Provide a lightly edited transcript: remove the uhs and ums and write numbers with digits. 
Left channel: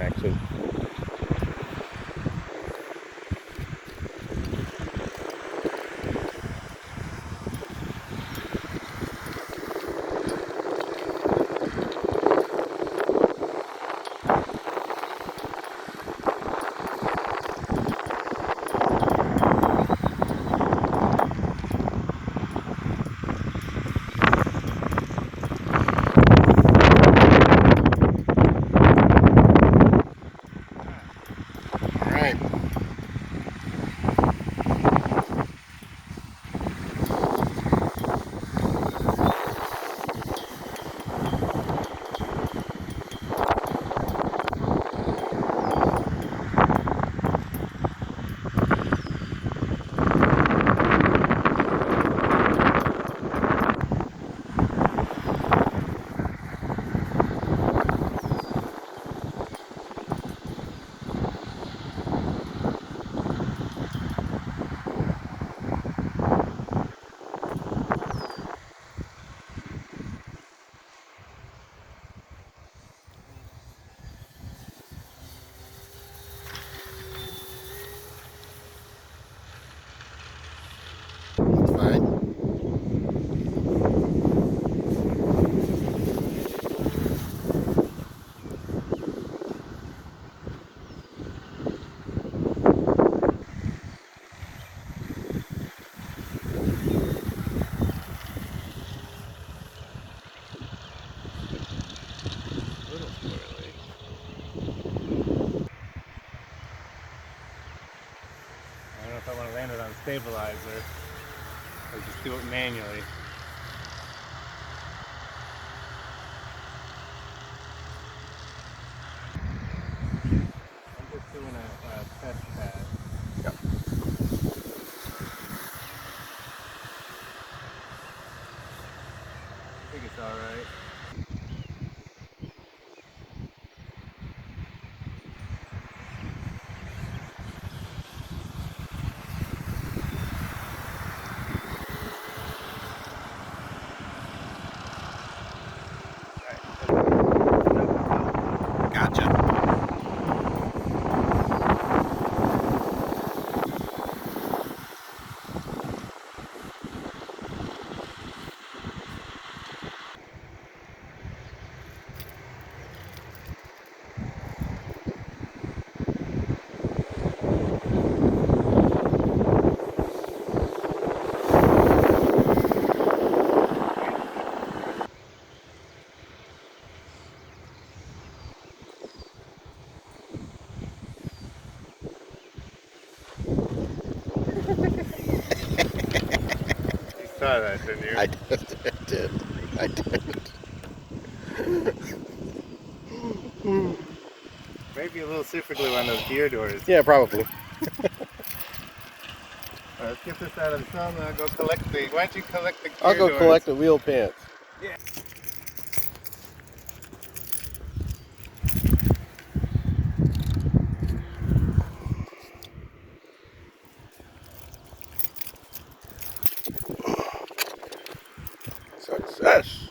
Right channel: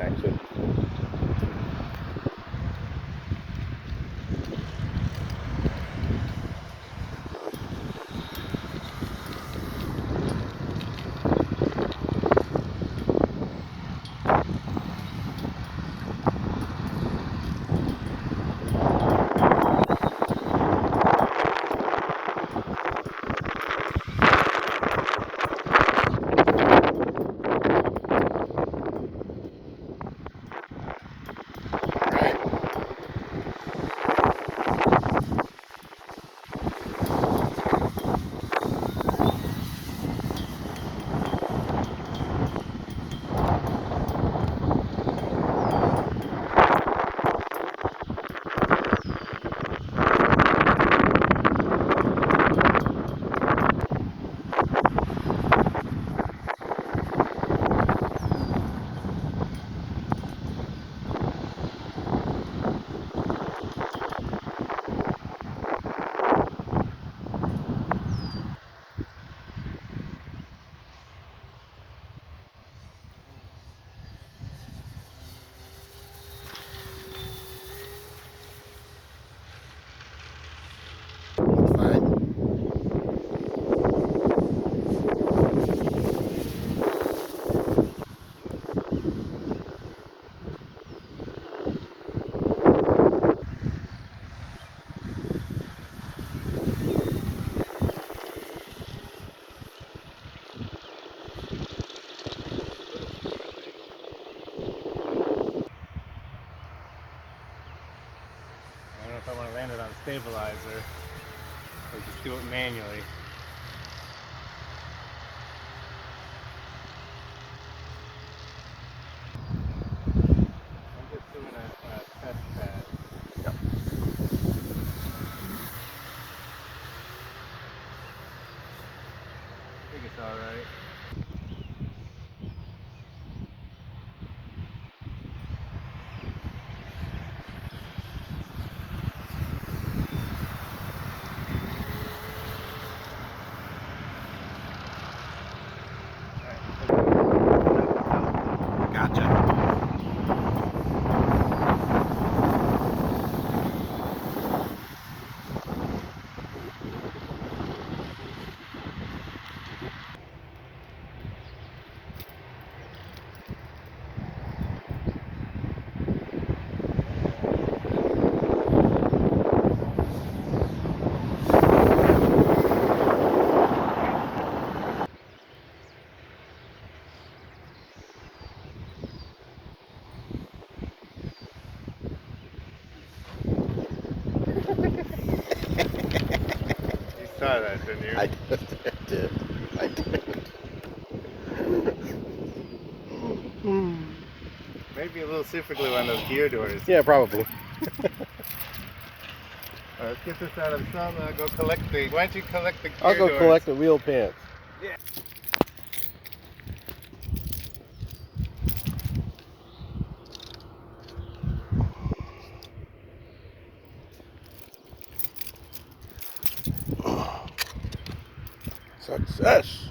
action. Fine. I don't know if I want to land it on stabilizer or just do it manually. I'm just doing a test pad. Yep. I think it's alright. Gotcha. You saw that, didn't you? I did. I did. Maybe a little super glue on those gear doors. Yeah, probably. Let's get this out of the sun and I'll go collect the... Why don't you collect the gear doors? I'll go collect the wheel pants. Yeah. Success!